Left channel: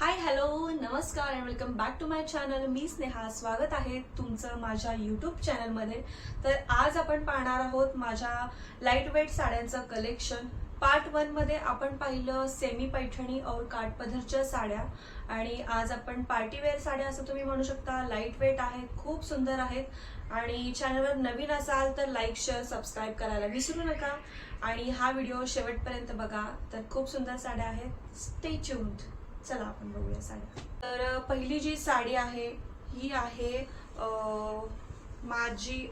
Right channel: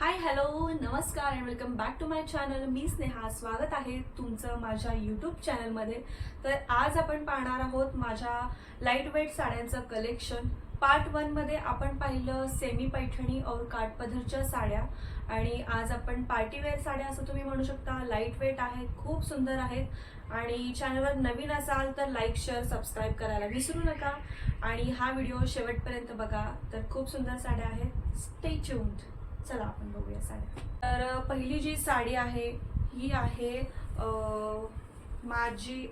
हाय hello नमस्कार and welcome back to my channel. मी स्नेहा. स्वागत आहे तुमचं माझ्या यूट्यूब चॅनलमध्ये. तर आज आपण पाहणार आहोत माझ्या लाईट वेट साड्यांचं कलेक्शन. पार्ट 1 मध्ये आपण पाहिलं सेमी पैठणी और काठपदरच्या साड्या, आणि आज आपण पार्टीवेअर साड्या असं तुम्ही म्हणू शकता. लाईट वेट आहेत, खूप सुंदर आहेत. आणि चॅनलवर नवीन असाल तर लाईक शेअर सबस्क्राईब करायला विसरू नका. आणि हा व्हिडिओ शेवटपर्यंत बघा. तर खूप सुंदर साड्या आहेत. Stay tuned. चला आपण बघूया साड्या. तर पहिली जी साडी आहे ही आहे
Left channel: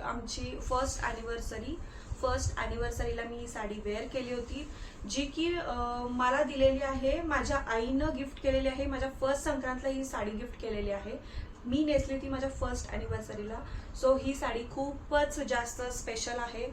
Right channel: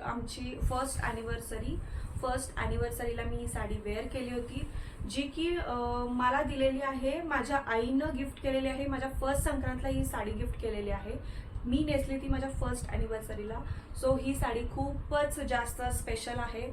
आमची फर्स्ट ॲनिव्हर्सरीला मी ही साडी वेअर केली होती, जी की मला दिलेली आहे. माझ्या आईनं गिफ्ट केलेली आहे. माझ्या फर्स्ट संक्रांतला ही साडी गिफ्ट केलेली आहे. मी नेसली ती माझ्या फर्स्ट ॲनिव्हर्सरीला. सो ही साडी खूपच जास्त स्पेशल आहे,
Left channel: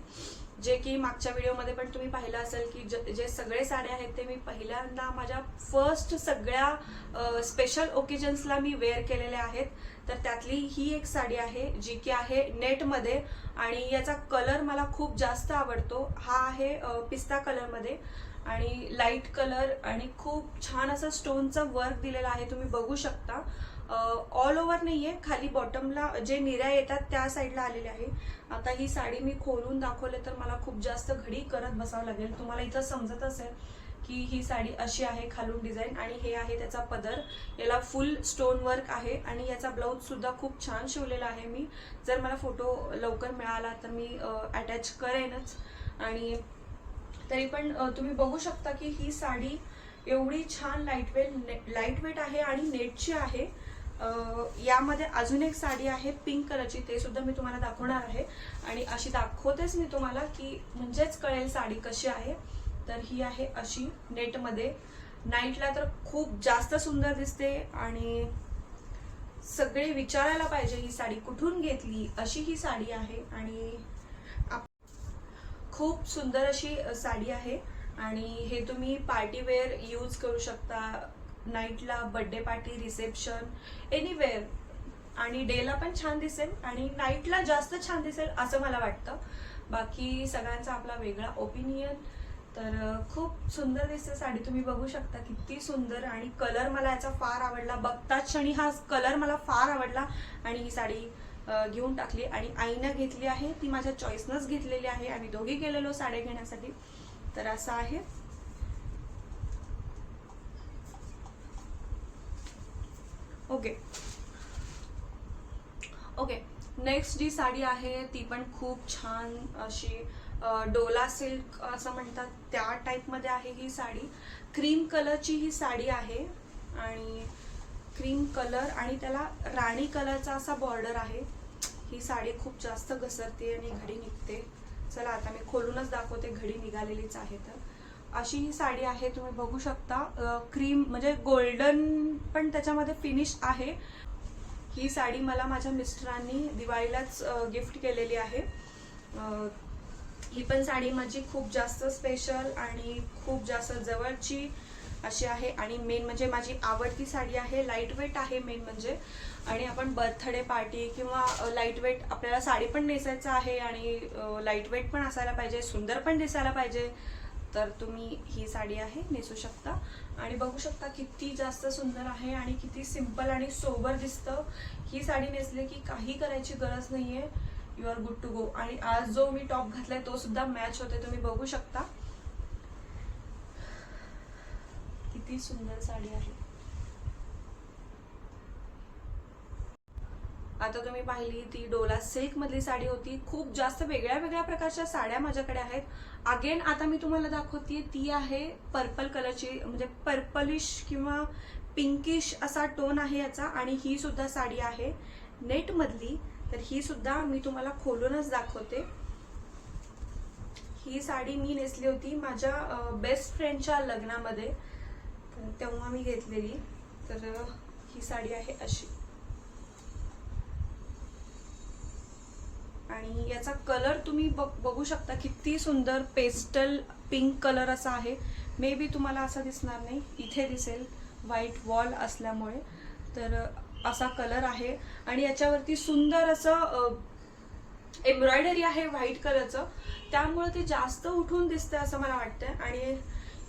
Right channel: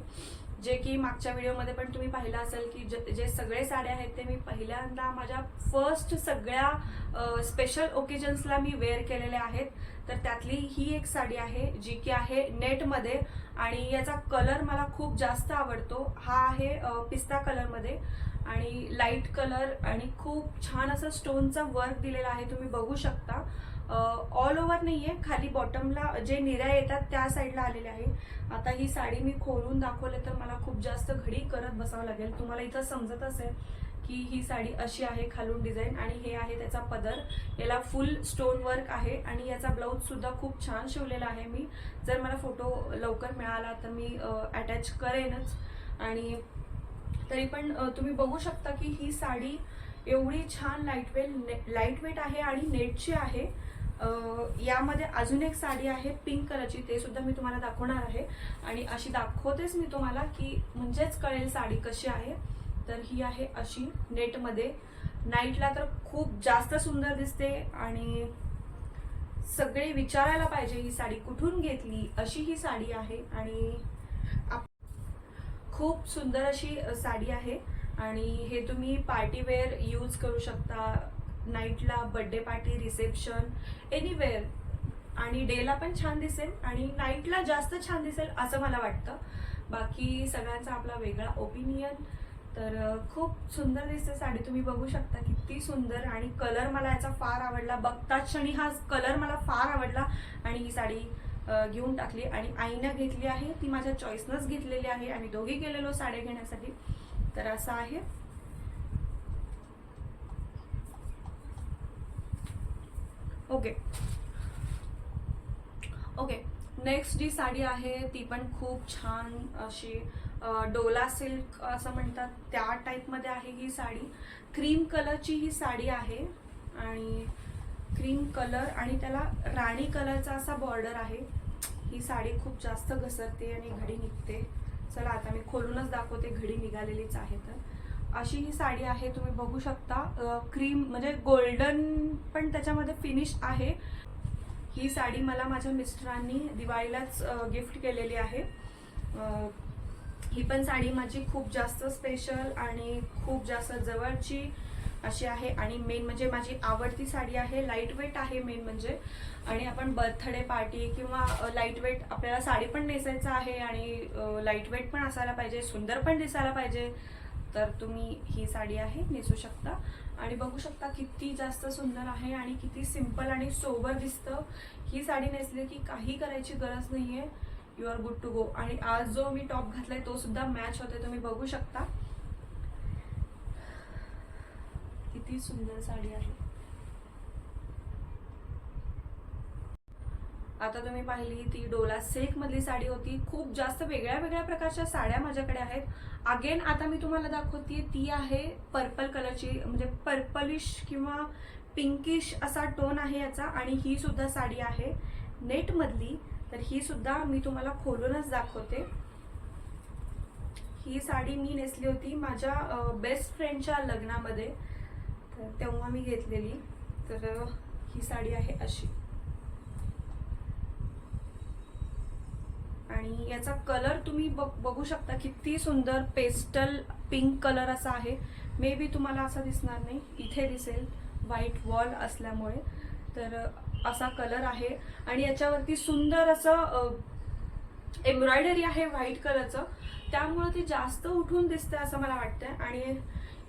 जे की मागच्या व्हिडिओमध्ये पण तुम्ही पाहिलं असेल की जे सगळे साड्या आहेत ते मी पहिल्यांदा माझ्या फर्स्ट सगळ्या स्पेशल ओकेजन्सला मी वेअर केलेल्या आहेत. तर त्यातली ही एक साडी आहे जी की आहे नेटमध्ये, आणि याचा कलर मला खूप जास्त आवडतो. हा आहे पिस्ता कलरमध्ये आणि लाईट कलर, आणि खूप छान असं स्टोनचा वर्क दिलेला आहे. तुम्ही बघू शकता. ऑल ओव्हर नाहीये, खाली बॉटमला जे निऱ्या येतात त्या साईडला आलेले आहे. आता ही साडी मी खोलून दाखवले तर मला खूप जास्त घडी करत बसावं लागेल. तुम्हाला इथं समजत असेल की ही साडी अशी आहे खालून डिझाईन, आणि हे आहे त्याचा पदर. याला फुल स्टोन वर्क आहे, आणि याचा ब्लाऊज सुद्धा खूप छान शिवलेला आहे. मी जर मला फोटो लवकर मिळाला तर मी अटॅच करेनच. आणि तरी पण तुम्ही बघू शकता की ही साडी एवढी छान लाईट वेट आहे आणि नेटची आहे. यामध्ये अजून एक साडी आहे पिंक कलरची, ते सुद्धा मी तुम्हाला दाखवणार आहे. आणि अशी दाखवतेच मी तुम्हाला की म्हणजेच कळेल साडी कशी आहे. तर ही आहे अशी नेटमध्ये. नाईटला तर खूप जास्त सुंदर दिसते, आणि सगळे विचारायला पाहिजे ही साडी कुठून घेतली अशी ही साडी आहे. आणि खूप सुंदर अशी साडी आहे, आणि हे तुम्ही पार्टीवेअर यूज करू शकता. नाईटला, बर्थडे पार्टी, रिसेप्शन, एनीवेअर. आणि डेला पण छान दिसेल आणि नाईटला जास्त छान दिसेल असं मला वाटतं. बाकी सगळ्यांचा आपला वेगळा ओपिनियन. तर खूप सुंदर दिसते साडी. तुम्ही बघू शकता किती सुंदर. आणि कलर मला याचा फार आवडला. बघताच क्षणी हा कलर मला फार आवडला, आणि ही साडी घेऊन टाकली. आणि आईनं घेतली आहे, ती माझ्या चॉईसनंच घेतलेली आहे. आम्ही दोघी गेलेलो साड्या घेण्यासाठी. तर असं आहे. ओके. नेक्स्ट जी साडी आहे ती पण खूप छान अशी डोला सिल्क असं म्हणतात त्या टाईपमध्ये आहे ही साडी. क्रीम कलरची ही साडी आहे, आणि क्रीम कलर आणि त्याला राणी कलरचा असा बॉर्डर आहे. ही साडी खूप जास्त घसरते आणि घडी निघते. चला आता मी खोलूनच दाखवते, घडी निघालेलीच आहे. तर अशी ही साडी आहे. तुम्ही बघू शकता क्रीम म्हणजे गोल्डन पण त्याच्यामध्ये फिनिश आहे. ही साडी मला माझ्या मिस्टरांनी दिवाळीलाच गिफ्ट केलेली आहे. ही पण साडी माझी खूप जास्त स्पेशल आणि खूप जास्त जवळची अशी आहे. आणि मेन म्हणजे माझी आवडती साडी आहे. लाईट वेट आहे मेन म्हणजे. आणि आपण बर्थडे पार्टी किंवा लाईट वेट, आपल्याला साडी पण नेसायचं आहे आणि लाईट वेट पण असायला पाहिजे, सुंदर पण दिसायला पाहिजे. तर तुम्ही ही साडी आहे नेसू शकता. आणि बघू शकता किती जास्त सुंदर आहे आणि किती सिंपल आणि सोबर दिसतं. ही साडी नेसली की काही करायची गरज नाहीये, you are good to go. आणि आज जो मी टॉप घातलाय तो सुद्धा मॅच होते. तुम्ही बघू शकता किती सुंदर साडी आहे. आता तुम्ही पाहिली ती डोला सिल्क मधली साडी होती. खूप जास्त वेगळ्या वेगळ्या प्रकारच्या साड्या माझ्याकडे आहेत. अगेन आता मी तुम्हाला दाखवते ती आहे पर्पल कलरची, म्हणजे पर्पलिश किंवा पिंकिश असा टोन आहे याचा. आणि ही सुद्धा साडी आहे नेट मधली. तर ही सुद्धा मी तुम्हाला खोलूनच दाखवते. ही साडी मी नेसली होती माझ्या बेस्ट फ्रेंडच्या लग्नामध्ये, तर तेव्हा मी घेतलेली. तर ही साडी आहे अशी. आणि याचा कलर तुम्ही बघू शकता किती सुंदर पेस्टल पिंक कलर असा आहे. मे बी तुम्हाला असं दिसणार नाही, इथे दिसेल व्हाईट वॉल असल्यामुळे. तर असा कलर आहे, आणि याच्यावरती सुंदर असं एम्ब्रॉयडरी आहे व्हाईट कलरचं, त्यामुळे ते जास्त उठून दिसतं असं मला वाटतंय. आणि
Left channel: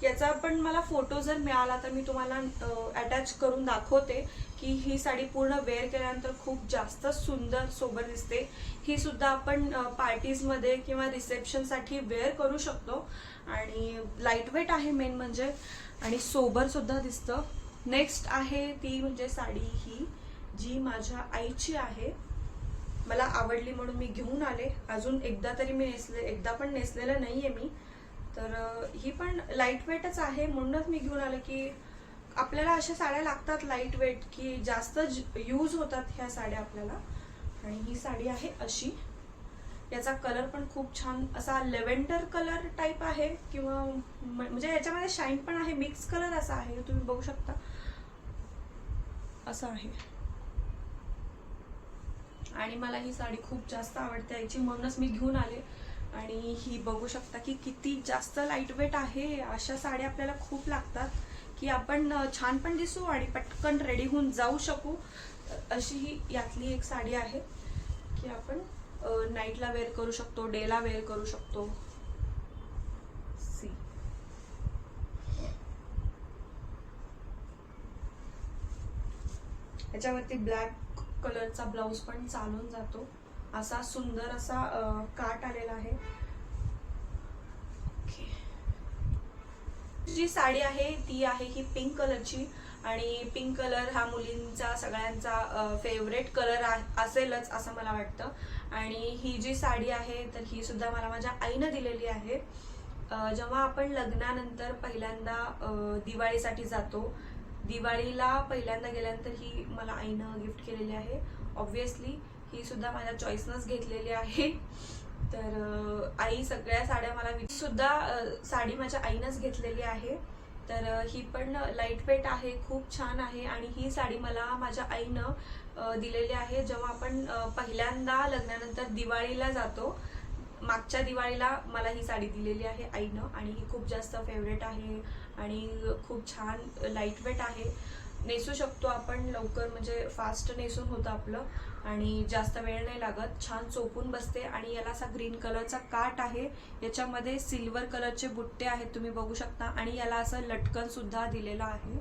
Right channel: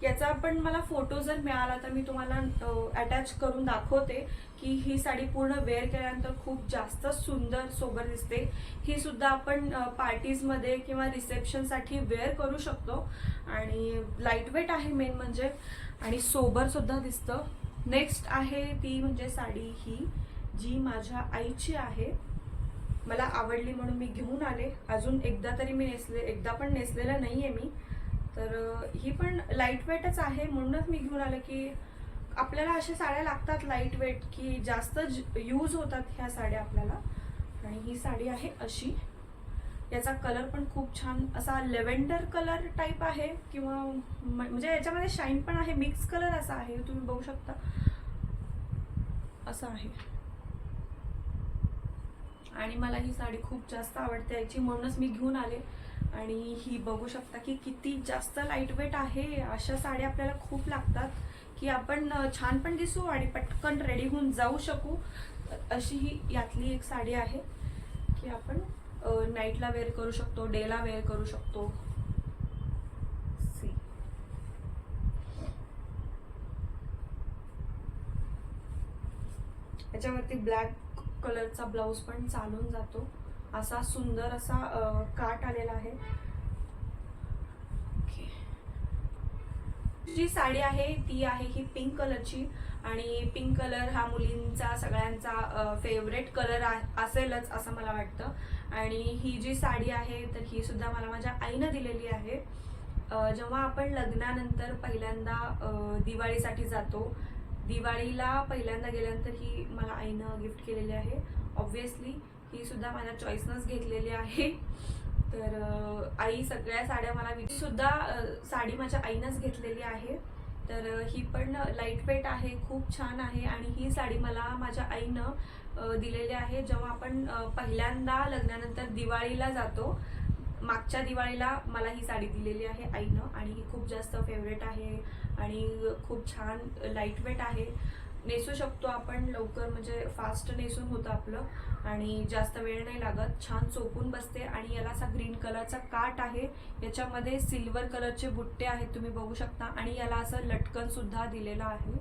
याचा पण मला फोटो जर मिळाला तर मी तुम्हाला अटॅच करून दाखवते की ही साडी पूर्ण वेअर केल्यानंतर खूप जास्त सुंदर सोबर दिसते. ही सुद्धा आपण पार्टीजमध्ये किंवा रिसेप्शनसाठी वेअर करू शकतो आणि लाईट वेट आहे मेन म्हणजे, आणि सोबर सुद्धा दिसतं. नेक्स्ट आहे ती म्हणजे साडी ही जी माझ्या आईची आहे. मला आवडली म्हणून मी घेऊन आले. अजून एकदा तरी मी एकदा पण नेसलेलं नाहीये मी. तर ही पण लाईट वेटच आहे म्हणूनच मी घेऊन आले की आपल्याला अशा साड्या लागतात लाईट वेट की जास्त यूज होतात ह्या साड्या आपल्याला. आणि ही साडी आहे अशी. याचा कलर पण खूप छान असा लेव्हेंडर कलर टाईप आहे किंवा म्हणजे याच्यामध्ये शाईन पण आहे, मिक्स कलर असा आहे, तुम्ही बघू शकता असं आहे. आणि मला ही साडी खूप जास्त आवडते याची म्हणूनच मी घेऊन आले. आणि ही बघू शकता की किती जास्त लाईट वेट आहे. अशा साड्या आपल्याला खूप लागतात की आपण छान पण दिसू आणि पटकन रेडी होऊन जाऊ शकू. अशी ही यातली एक साडी आहे की आपण नाईटला वेअर करू शकतो, डेला वेअर करू शकतो. सी याच्यावरती ब्लॅक कलरचा ब्लाउज पण चालून जातो. असा सुंदर असा काट आलेला आहे. जी साडी आहे ती आहे ही पिंक कलरची. आणि पिंक कलर हा मुलींचा सगळ्यांचा फेवरेट कलर असेलच असं मला वाटतं. आणि ही जी साडी आहे तर ही सुद्धा मला माझ्या आईनं दिलेली आहे. जेव्हा आपण लग्नानंतर पहिल्यांदा दिवाळीसाठी जातो, दिवाळीला पहिल्यांदा गेल्यानंतर ही मला आईनं गिफ्ट केलेली आहे. ऑब्व्हियसली ही सुद्धा माझ्या चॉईसनंच घेतलेली आहे. तर आई सगळ्या साड्या मला सुद्धा साडी माझ्या आईनंच घेतलेली आहे. तर ही पण लाईट वेट आहे, खूप छान आहे. आणि ही साडी मला माझ्या आईनं दिलेली आहे. जेव्हा आपण पहिल्यांदा लग्नानंतर दिवाळीला जातो, मागच्या दिवाळीला मला ही साडी दिलेली आहे आईनं. आणि ही खूप जास्त फेवरेट आहे आणि खूप छान लाईट वेट आहे. नेसू शकतो आपण लवकर, म्हणजे फास्ट नेसून होतं आपलं आणि जास्त वेळ नाही लागत. छान चोपून बसते. आणि याला असा ग्रीन कलरचा काट आहे. याच्यामध्ये सिल्वर कलरचे बुट्टे आहेत, तुम्ही बघू शकता. आणि याला असं लटकन सुद्धा दिलेलं आहे.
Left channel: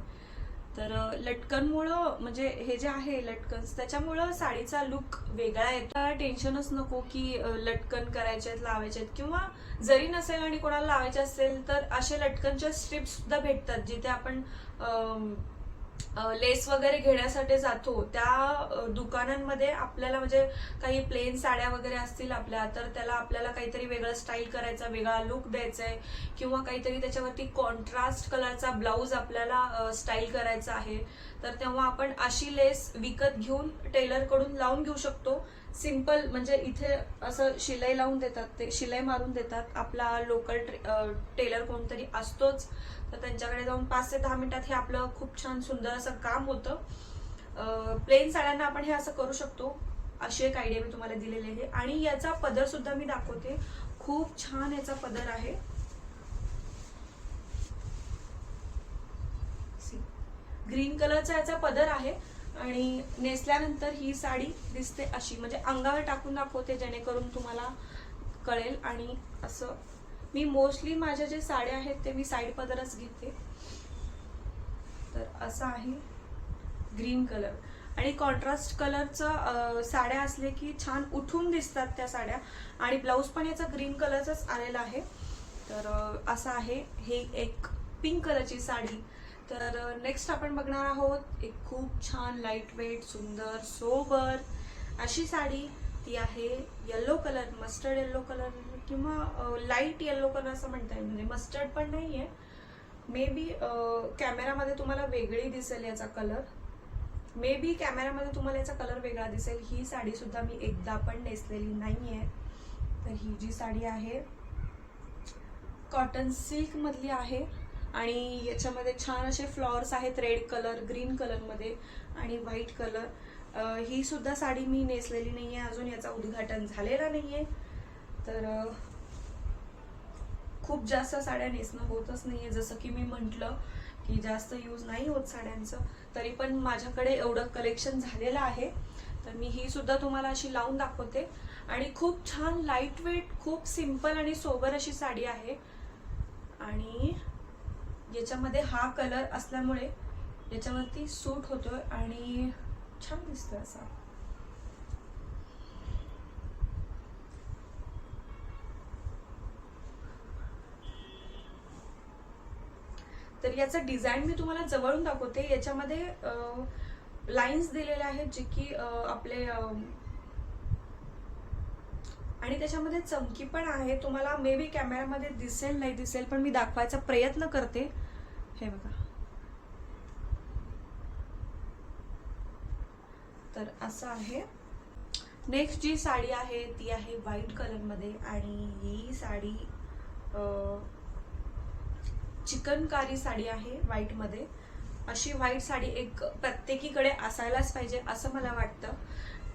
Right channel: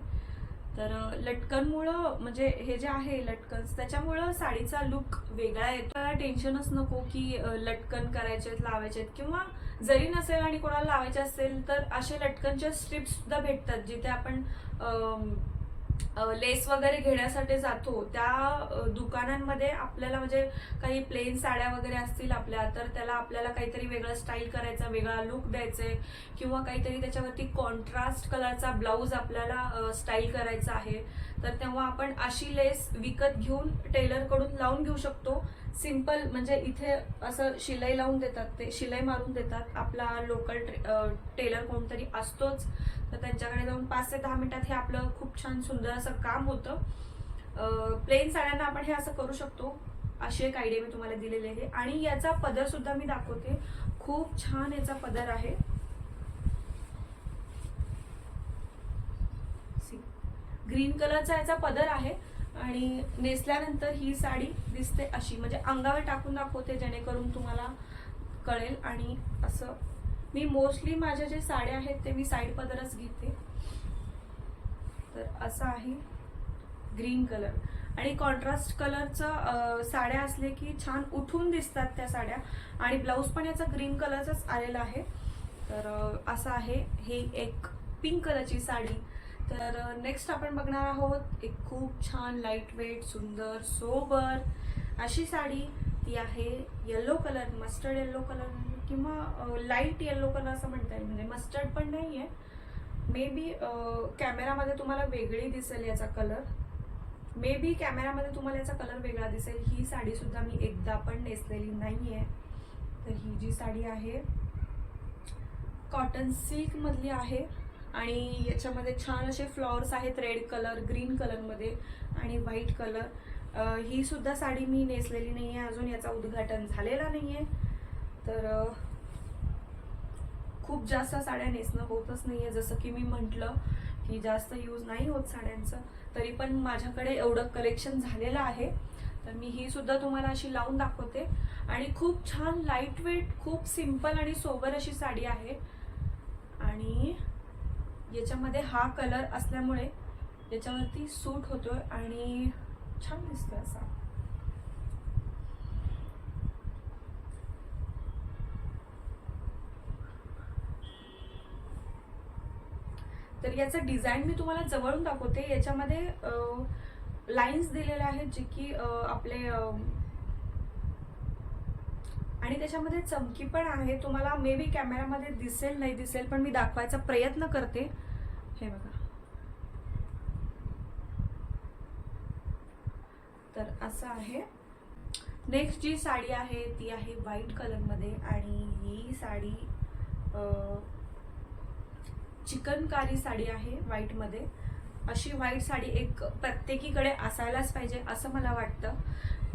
तर लटकनमुळं म्हणजे हे जे आहे लटकन्स, त्याच्यामुळं साडीचा लुक वेगळा येतो. टेन्शनच नको की लटकन करायचे आहेत, लावायचे आहेत. किंवा जरी नसेल आणि कोणाला लावायचे असेल तर असे लटकनच्या स्ट्रिप्स सुद्धा भेटतात, जिथे आपण लेस वगैरे घेण्यासाठी जातो त्या दुकानांमध्ये आपल्याला म्हणजे काही प्लेन साड्या वगैरे असतील आपल्या, तर त्याला आपल्याला काहीतरी वेगळं स्टाईल करायचा, वेगळा लुक द्यायचा आहे किंवा काहीतरी त्याच्यावरती कॉन्ट्रास्ट कलरचा ब्लाऊज आपल्याला स्टाईल करायचा आहे, तर तेव्हा आपण अशी लेस विकत घेऊन टेलरकडून लावून घेऊ शकतो. सिंपल म्हणजे इथे असं शिलाई लावून देतात, ते शिलाई मारून देतात. आपला लोकल टेलर कोणतरी असतोच, तर त्यांच्याकडे जाऊन 5 ते 10 मिनिटात हे आपलं खूप छान सुंदर असं काम होतं. प्लेन साड्यांना आपण हे असं करू शकतो. अशी एक आयडिया मी तुम्हाला दिलेली आहे. आणि याचा पदर सुद्धा मी दाखवते. खूप छान याचा पदर आहे. ग्रीन कलरचा याचा पदर आहे. आणि नेसल्यानंतर ही साडी दिसते अशी, म्हणजे अंगावर टाकून दाखवते जेणेकरून तुम्हाला कळेल. आणि असं मी मोस्टली माझ्या जे साड्या आहेत ते मी साईड पदरच घेते. तर असं आहे ग्रीन कलर. आणि कॉन्ट्रास्ट कलरचं साड्या असले की छान उठून दिसतात त्या साड्या. आणि ब्लाऊज पण याचा ग्रीन कलरचाच आलेला आहे. तर असं आहे हे एक पिंक कलरची साडी. तर नेक्स्ट आपण बघणार आहोत एक खूप छान लाईट वेट सुंदर सोबर अशी साडी. ती आहे yellow colour, mustard yellow colour किंवा लाईट येलो कलर असं म्हणता येईल. म्हणजे मस्टर्ड पण नाहीये, मे बी कॅमेरामध्ये तुम्हाला वेगळी दिसेल याचा कलर. मे बी कॅमेरामध्ये तुम्हाला याचा कलर वेगळा दिसेल. ही साडी सुद्धा मी एकदा पण नेसलेली नाहीये. तर ही जी साडी आहे कॉटन सिल्क मधली आहे. आणि याच्यामध्ये छान असे फ्लॉवर्स आहेत, रेड कलर, ग्रीन कलरमध्ये आणि व्हाईट कलर. ही सुद्धा साडी मी नेसलेली नाहीये अजून, याचा उद्घाटन झालेला नाहीये. तर खूप जास्त साड्या नेसणं होतच नाहीये. जसं की मी म्हटलं की जास्त यूज नाही होत साड्यांचं, तरी पण माझ्याकडे एवढं कलेक्शन झालेलं आहे. तर मी ही सुद्धा तुम्हाला अशी लावून दाखवते. आणि खूप छान लाईट वेट, खूप सिंपल आणि सोबर अशी साडी आहे. आणि याच्यामध्ये हा कलर असल्यामुळे याच्यावरती सूट होतोय आणि छान दिसतोय असा. तर याचं डिझाईन मी तुम्हाला जवळून दाखवते. याच्यामध्ये लाईन्स दिलेल्या आहेत जे की आपले आणि त्याच्यामध्ये चमकी पण आहे. तुम्हाला मे बी कॅमेरामध्ये दिसेल नाही दिसेल, पण मी दाखवायचा प्रयत्न करते. हे बघा, तर असं आहे. नेक्स्ट जी साडी आहे ती आहे व्हाईट कलरमध्ये आणि ही साडी चिकनकारी साडी आहे व्हाईटमध्ये. अशी व्हाईट साडी एक प्रत्येकीकडे असायलाच पाहिजे असं मला वाटतं.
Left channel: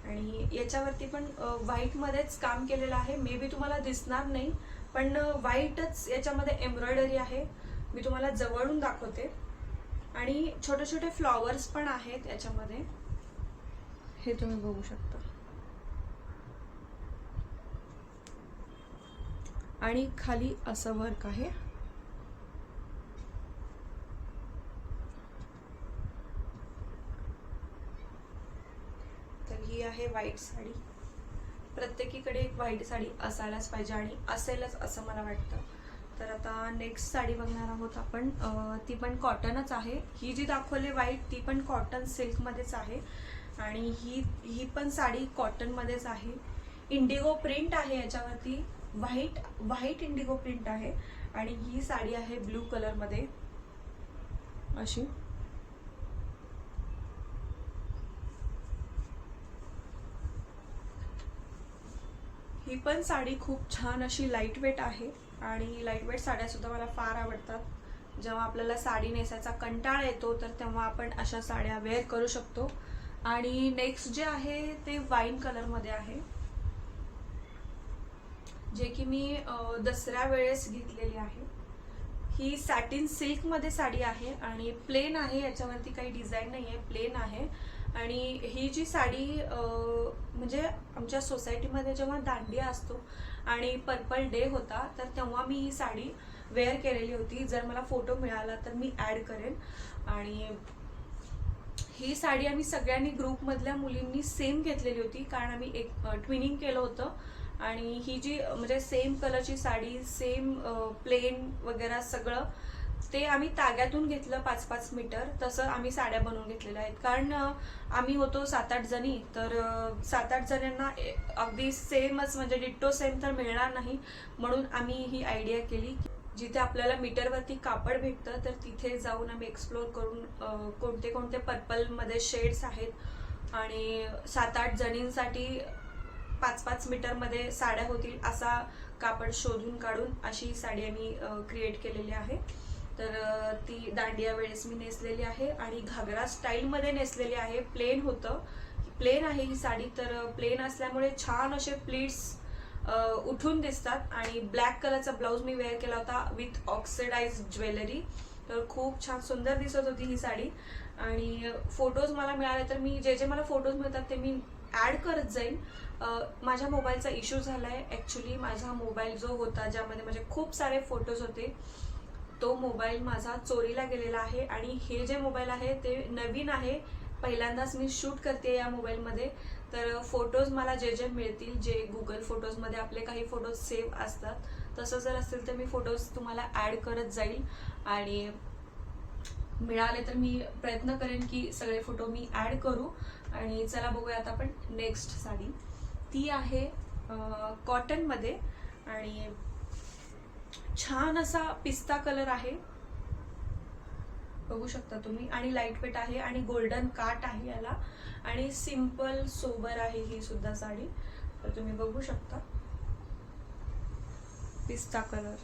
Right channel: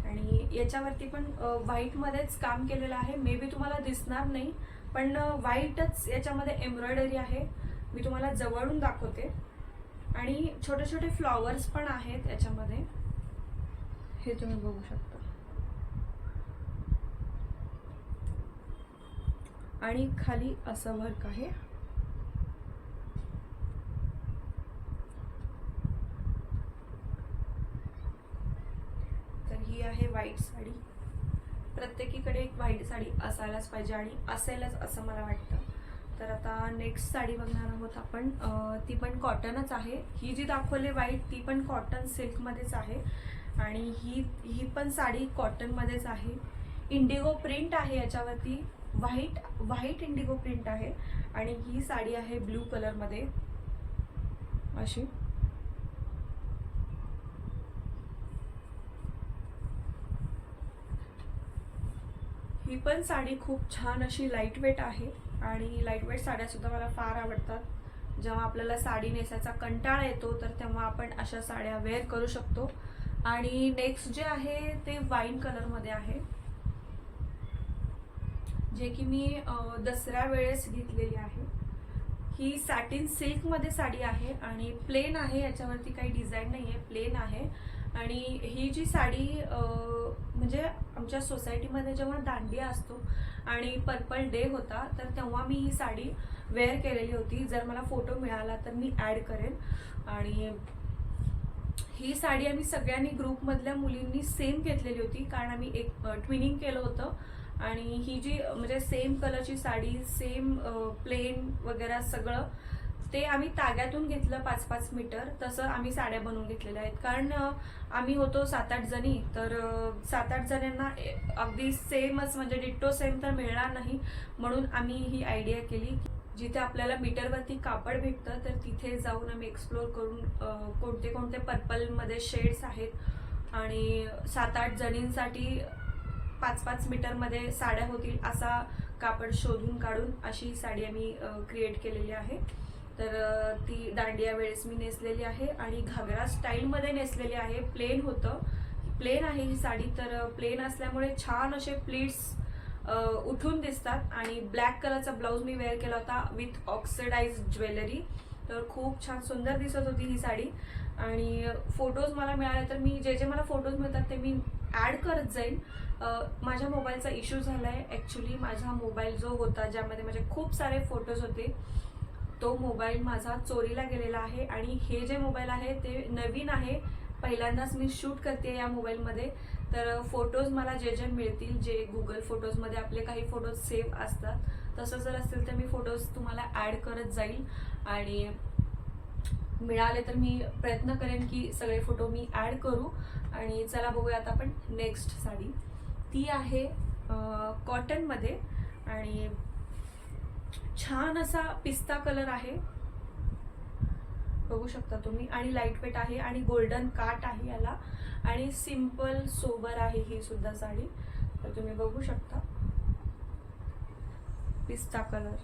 आणि याच्यावरती पण व्हाईटमध्येच काम केलेलं आहे. मे बी तुम्हाला दिसणार नाही, पण व्हाईटच याच्यामध्ये एम्ब्रॉयडरी आहे. मी तुम्हाला जवळून दाखवते. आणि छोटे छोटे फ्लॉवर्स पण आहेत याच्यामध्ये, हे तुम्ही बघू शकता. आणि खाली असं वर्क आहे. तर ही आहे व्हाईट साडी. प्रत्येकीकडे एक व्हाईट साडी असायलाच पाहिजे आणि असेलच असं मला वाटतं. तर आता नेक्स्ट साडी बघणार आहोत आपण. ती पण कॉटनच आहे. ही जी दाखवली व्हाईट ती पण कॉटन सिल्कमध्येच आहे आणि ही पण साडी कॉटनमध्येच आहे. इंडिगो प्रिंट आहे याच्यावरती. व्हाईट इंडिगो प्रिंट आहे आणि ही साडी आहे ब्लू कलरमध्ये अशी. ही पण साडी खूप छान अशी लाईट वेट आहे आणि लाईट वेट साड्या सुद्धा मला फार आवडतात. जेव्हा आपल्याला साडी नेसायचा कंटाळा येतो तर तेव्हा आपण अशा साड्या वेअर करू शकतो. आणि नेक्स्ट जे आहे ते वाईन कलरमध्ये आहे, जे की मी दसऱ्या वेळेस घेतलेली आहे. ही सॅटिन सिल्कमध्ये साडी आहे आणि प्लेन आहे. याच्यावरती काही डिझाईन नाही आहे, प्लेन आहे. आणि ही जी साडी म्हणजे आमच्या सोसायटीमध्ये जेव्हा दांडिया असतो आणि पर्पल डे होता तर तेव्हा मी ही साडी वेअर केलेली होती. जर मला फोटो मिळाला तर मी ॲड करेन. आणि ही साडी आम्ही सगळ्यांनी ग्रुपमधल्या मुलींनी सेम घेतलेली होती, कारण आम्ही एक ट्विनिंग केलं होतं. आणि ही जी म्हणजे सेम कलरची साडी, सेम प्लेन वगैरे सगळं ते आम्ही ताग्यातून घेतलं 5-5 मीटर. तसं आम्ही साड्या बनवून घेतलेल्या आहेत, कारण आम्ही होतो 7-8 जणी. तर 7-8 जणांना अगदी सेमच म्हणजे डिट्टो सेम तर मिळणार नाही, म्हणून आम्ही ही आयडिया केली. जिथे आपल्याला मीटरवरती कापड भेटतं तर तिथे जाऊन आम्ही एक्सप्लोर करून कोणते कोणते पर्पलमध्ये शेड्स आहेत आणि 7-8 जणींसाठी 5-5 मीटरमध्ये साड्या होतील असा कापड शोधून काढून अशी साडी आम्ही क्रिएट केलेली आहे. तर ती दांडिया वेळेस मी नेसलेली आहे आणि घागरा स्टाईलमध्ये नेसलेली आहे. प्लेन होतं, प्लेन आहे ही साडी. तर प्लेन असल्यामुळे छान असे प्लीट्स उठून दिसतात. आणि ब्लॅक कलरचा ब्लाऊज मी वेअर केला होता विथ ऑक्सिडाइज ज्वेलरी. तर खूप छान सुंदर दिसत होती ही साडी. आणि फोटोज मला मिळाले तर मी जे मला फोटोज मिळतात ते मी ॲड करत जाईन. माझ्या मोबाईलचा इश्यू झाला आहे ॲक्च्युली. माझा मोबाईल जो होता ज्यामध्ये माझे खूप सारे फोटोज होते तो मोबाईल माझा चोरीला गेलेला आहे. आणि हे जे मोबाईल आहे ते नवीन आहे, पहिल्यांदाच मी शूट करते या मोबाईलमध्ये. तर फोटोज मला जे मिळतील, जे गुगल फोटोजमध्ये आपले काही फोटोज सेव्ह असतात, तसं जर असेल तर मी फोटोज तुम्हाला ॲड करत जाईल. आणि मिळाले तर मी प्रयत्न करेन की सगळे फोटो मी ॲड करू. आणि चला बघूया आता आपण नेक्स्ट साडी. ती आहे कॉटनमध्ये आणि छान असा पिस्ता कलर आहे, बघू शकता तुम्ही. आणि लाईट वेट आहे आणि गोल्डन काट आहे याला. आणि सिंपल सोबर आहे ही सुद्धा साडी. तर तुम्ही बघू शकता पिस्ता कलर.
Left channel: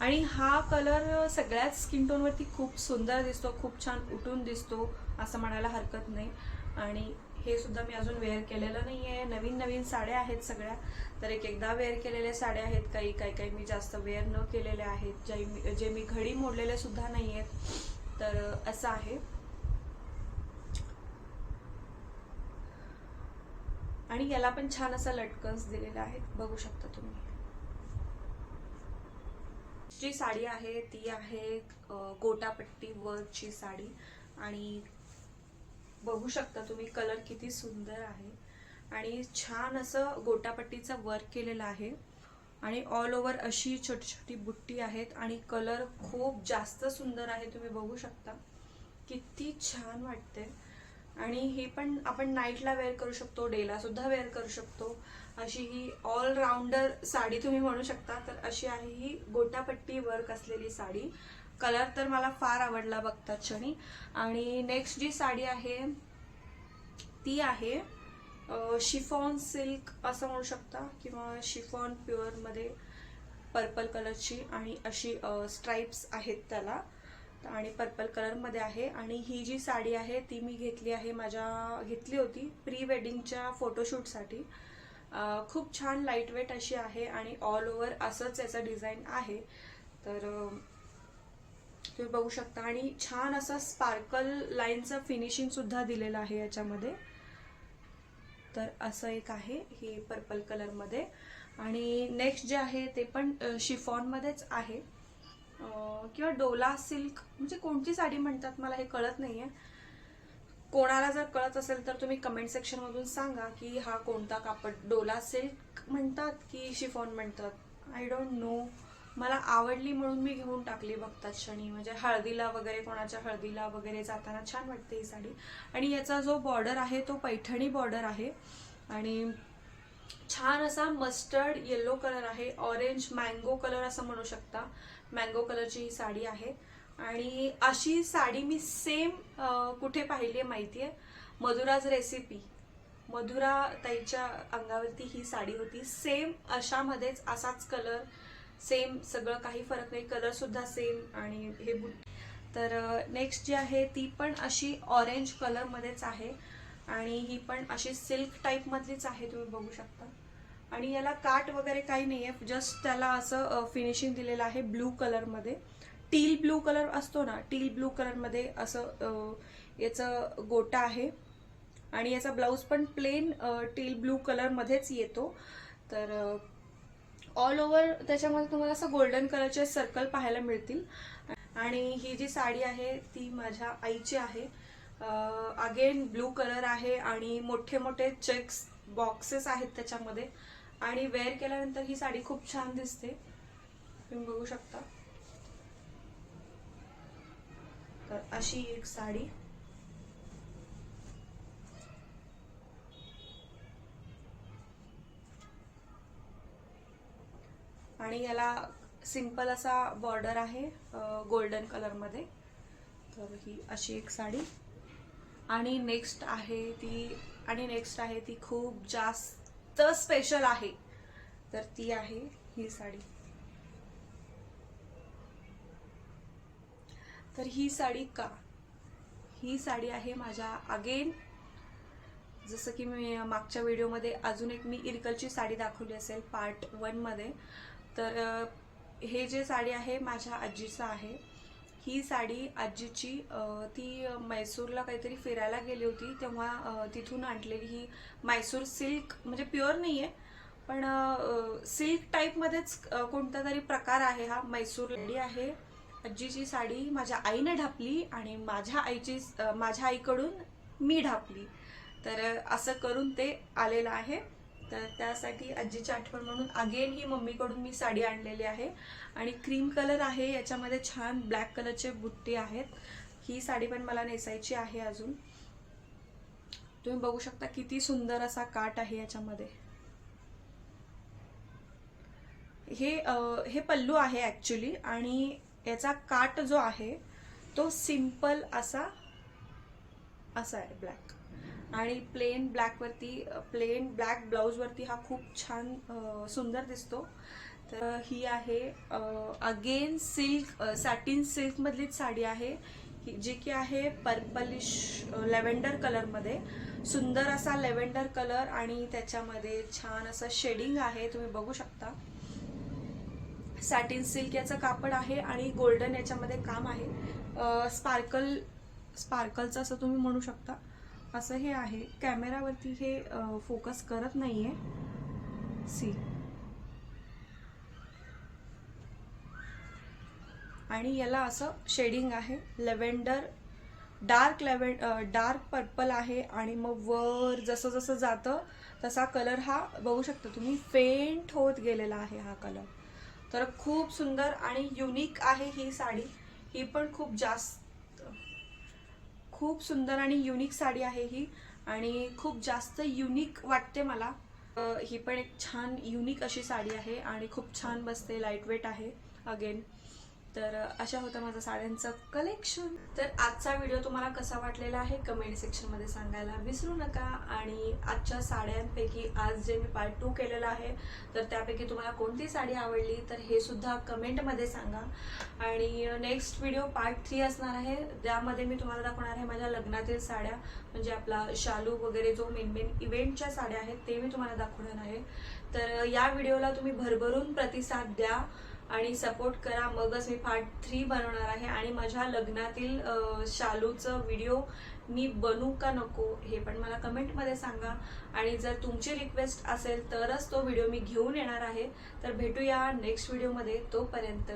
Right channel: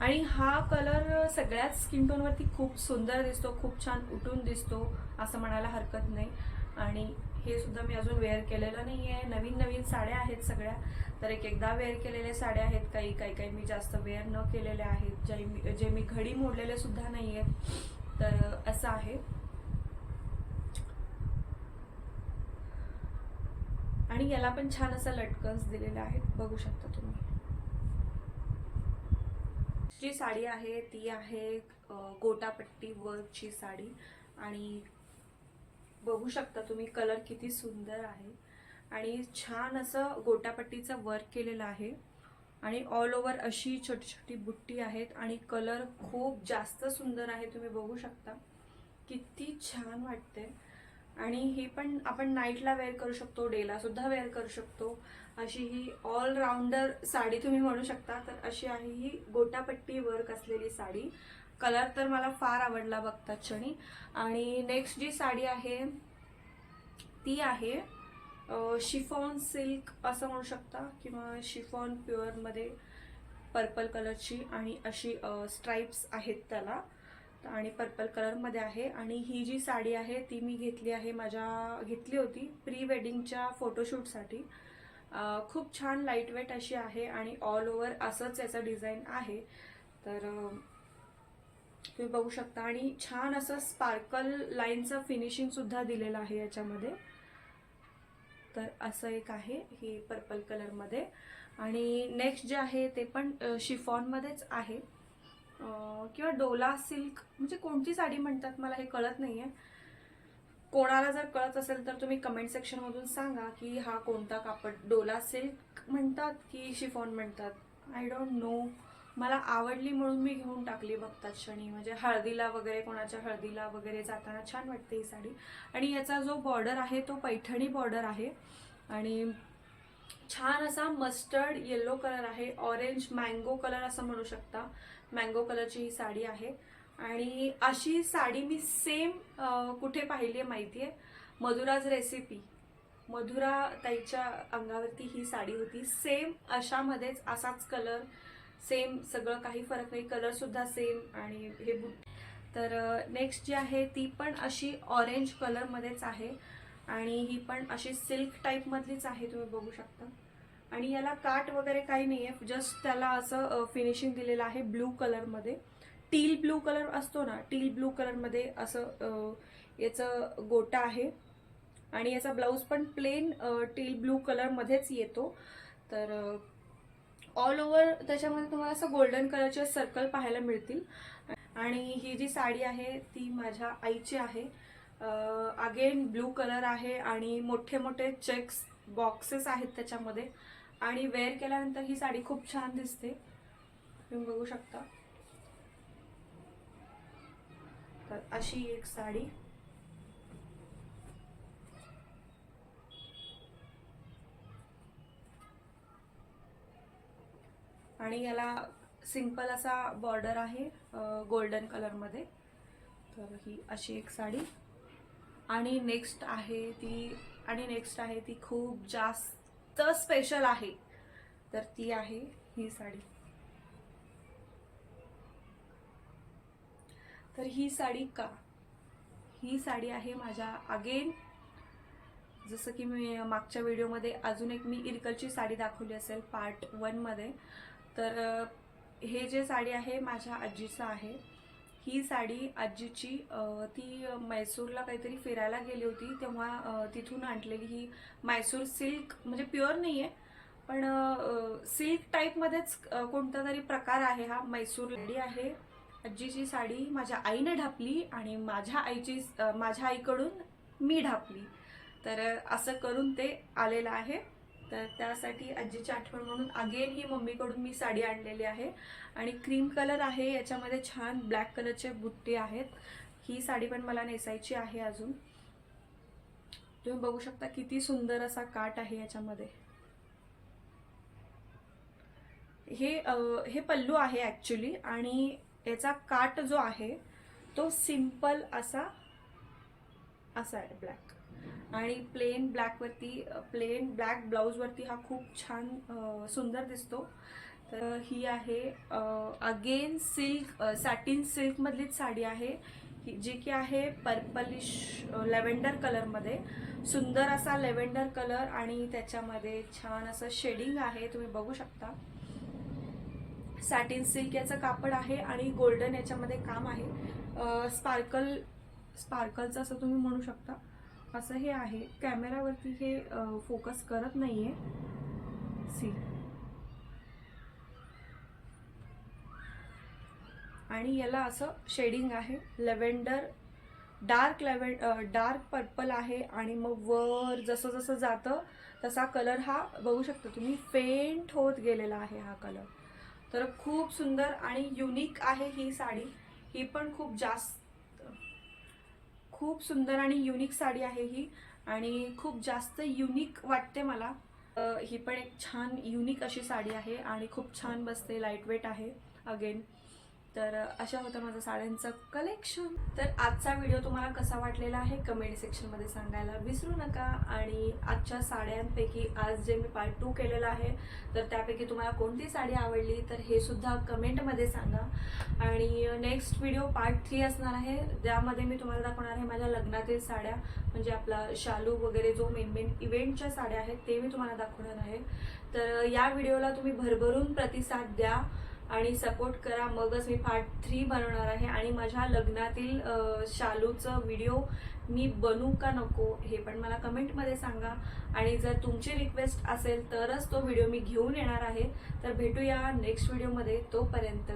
आणि हा कलर सगळ्याच स्किन टोनवरती खूप सुंदर दिसतो, खूप छान उठून दिसतो असं म्हणायला हरकत नाही. आणि हे सुद्धा मी अजून वेअर केलेलं नाही आहे. नवीन साड्या आहेत सगळ्या. तर एकदा वेअर केलेल्या साड्या आहेत, काही मी जास्त वेअर न केलेल्या आहेत, जे मी घडी मोडलेले सुद्धा नाही आहेत. तर असं आहे. आणि याला पण छान असा लटकन्स दिलेला आहेत, बघू शकता तुम्ही. नेक्स्ट जी साडी आहे ती आहे गोटापट्टी वर्कची साडी आणि बघू शकता तुम्ही कलर किती सुंदर आहे आणि छान असं गोटापट्टीचं वर्क केलेलं आहे आणि ऑल ओव्हर अशी छोटी छोटी बुट्टी आहेत आणि कलर खूप जास्त सुंदर आहे. तुम्ही बघू शकता किती छान वाटते आणि ही पण आपण नाईटला वेअर करू शकतो, डेला सुद्धा वेअर करू शकतो. अशी ही ऑलराऊंडर साडी तुम्ही म्हणू शकता. तर अशी आहे ही गोटापट्टी वर्क असलेली साडी. कलर तर मला फार आवडला बघतात क्षणी. आणि नेक्स्ट जी साडी आहे ती आहे शिफॉन सिल्क असं म्हणू शकता किंवा शिफॉन प्युअर मध्ये पर्पल कलरची आणि अशी स्ट्राइप्स आहेत त्याला आणि पर्पल कलर मध्ये आहे. आणि ही जी साडी आहे ती मी घेतली होती प्री वेडिंगच्या फोटोशूटसाठी. खूप छान लाईट वेट अशी आहे आणि ऑल ओव्हर असंच याचं डिझाईन आहे. तर तुम्ही बघू शकता आणि छान असं स्पार्कल लाईनचं फिनिशिंग सुद्धा दिलेलं आहे याच्यामध्ये. तर असं एक आहे हे पर्पल कलर मध्ये. आणि नेक्स्ट जे आहे ते पण शिफॉन मध्येच आहे किंवा डोला सिल्क, म्हणजे कोणती साडी म्हणतात मला हे कळत नाहीये. कोणाला जर कळत असेल तर तुम्ही कमेंट सेक्शन मधून सांगा की हा कोणता कापड, डोला सिल्क म्हणतात की शिफॉन म्हणतात. I don't know. मला आवडली म्हणून मी घेऊन टाकली बघतात क्षणी. म्हणजे हळदीला वगैरे, कोणाच्या हळदीला वगैरे जाताना छान वाटते ही साडी. आणि याचा जो बॉर्डर आहे तो पैठणी बॉर्डर आहे आणि छान असा मस्टर्ड येलो कलर आहे, ऑरेंज मँगो कलर असं म्हणू शकता. मँगो कलरची ही साडी आहे. आणि अशी साडी मी सेम कुठे पाहिली आहे माहितीये, मधुराज रेसिपी. मधुरा ताईच्या अंगावरती ही साडी होती सेम अशामध्येच, असाच कलर सेम, सगळं काही फरक नाही, कलर सुद्धा सेम. आणि हे तर नेक्स्ट जी आहे ती पण अशी ऑरेंज कलर मध्येच आहे आणि ही पण अशी सिल्क टाईप मधलीच आहे, तुम्ही बघू शकता. आणि याला काट वगैरे काही नाहीये, जस्ट त्याला असं फिनिशिंग दिलेलं आहे ब्लू कलर मध्ये. टील ब्लू कलर असतो ना, टील ब्लू कलर मध्ये असं याचं गोटा आहे आणि याचा ब्लाउज पण प्लेन टील ब्लू कलर मध्येच येतो. तर ऑल ओव्हर त्याच्यामध्ये तुम्हाला असं गोल्डन कलरचे सर्कल पाहायला मिळतील. आणि ही जी साडी आहे ती माझ्या आईची आहे. अगेन ब्लू कलर आहे आणि मोठे मोठे चेक्स बॉक्सेस आहेत त्याच्यामध्ये आणि वेअर केल्यानंतर ही साडी खूप छान दिसते, तुम्ही बघू शकता. तर अशी एक साडी. आणि याला सिंपल असा बॉर्डर आहे गोल्डन कलर मध्ये. तर ही अशी एक साडी. आणि नेक्स्ट आहे ती खूप जास्त स्पेशल आहे, तर ती आहे ही साडी. तर ही साडी ही साडी आहे माझ्या, अगेन जसं की मी मागच्या व्हिडिओमध्ये अजून एक मी इरकलची साडी दाखवली असेल पार्ट 1 मध्ये. तर हे जे साडी आहे माझ्या आजीचं आहे. ही साडी आजीची ती मैसूरला काहीतरी फिरायला गेली होती तेव्हा तिथून आणलेली ही मैसूर सिल्क, म्हणजे प्युअर नाहीये पण सिल्क टाईप मध्येच कोणता तरी प्रकार आहे हा. मैसूर साडी आहे. आजीची साडी माझ्या आईने ढापली आणि माझ्या आईकडून मी ढापली. तर असं करून ते आलेलं आहे. तर त्यासाठी आजीची आठवण म्हणून अगेन ही मम्मीकडून मी साडी आणलेली आहे. आणि क्रीम कलर आहे, याच्यामध्ये छान ब्लॅक कलरचे बुट्टे आहेत. ही साडी पण मला नेसायची आहे अजून. तुम्ही बघू शकता किती सुंदर असा काट आहे याच्यामध्ये. हे पल्लू आहे ऍक्च्युली आणि याचा काट जो आहे तो सिंपल असा आहे ब्लॅक आणि प्लेन ब्लॅक ब्लाउज वरती हा खूप छान सुंदर दिसतो. तर ही आहे अगेन सॅटिन सिल्क मधलीच साडी आहे जी की आहे पर्पलिश लेव्हेंडर कलर मध्ये. सुंदर असा लेव्हेंडर कलर आणि त्याच्यामध्ये छान असं शेडिंग आहे, तुम्ही बघू शकता. सॅटिन सिल्क याचं कापड आहे आणि गोल्डन याच्यामध्ये काम आहे. स्पार्कलचं असं तुम्ही म्हणू शकता. असं हे आहे. कॅमेरावरती हे फोकस करत नाहीये. सी आणि याला असं शेडिंग आहे, लेव्हेंडर डार्क पर्पल आहे आणि मग वर जसं जसं जातं तसा कलर हा बघू शकता तुम्ही फेंट होत गेलेला आहे हा कलर. तर खूप सुंदर आणि युनिक आहे ही साडी. ही पण खूप सुंदर आणि युनिक साडी आहे ही आणि खूप जास्त युनिक वाटते मला. ही पण एक छान युनिक अशी साडी आहे आणि खूप छान बसते, लाईट वेट आहे अगेन. तर अशा होता माझा साड्यांचं कलेक्शन. तर आजचा व्हिडिओ तुम्हाला कसा वाटलेला आहे कमेंट सेक्शनमध्ये सांगायला विसरू नका. आणि आजच्या साड्यांपैकी आज जे मी पार्ट 2 केलेला आहे तर त्यापैकी तुम्हाला कोणती साडी आवडली तर हे सुद्धा कमेंटमध्ये सांगा. आणि नेक्स्ट व्हिडिओ पार्ट 3 असणार आहे, त्यामध्ये मी तुम्हाला दाखवणार आहे माझ्या लग्नातील साड्या, म्हणजे आपला शालू वगैरे जो मेन इव्हेंटच्या साड्या आहेत ते मी तुम्हाला दाखवणार आहे. तर या व्हिडिओला तुम्ही भरभरून प्रतिसाद द्या आणि सपोर्ट करा, मगच मी पार्ट 3 बनवणार आहे. आणि माझ्या लग्नातील शालूचं व्हिडिओ मी बनवू का नको हे पण मला कमेंटमध्ये सांगा. आणि जर तुमची रिक्वेस्ट असेल तरच तो व्हिडिओ मी घेऊन येणार आहे. तर भेटूया नेक्स्ट व्हिडिओमध्ये. तोपर्यंत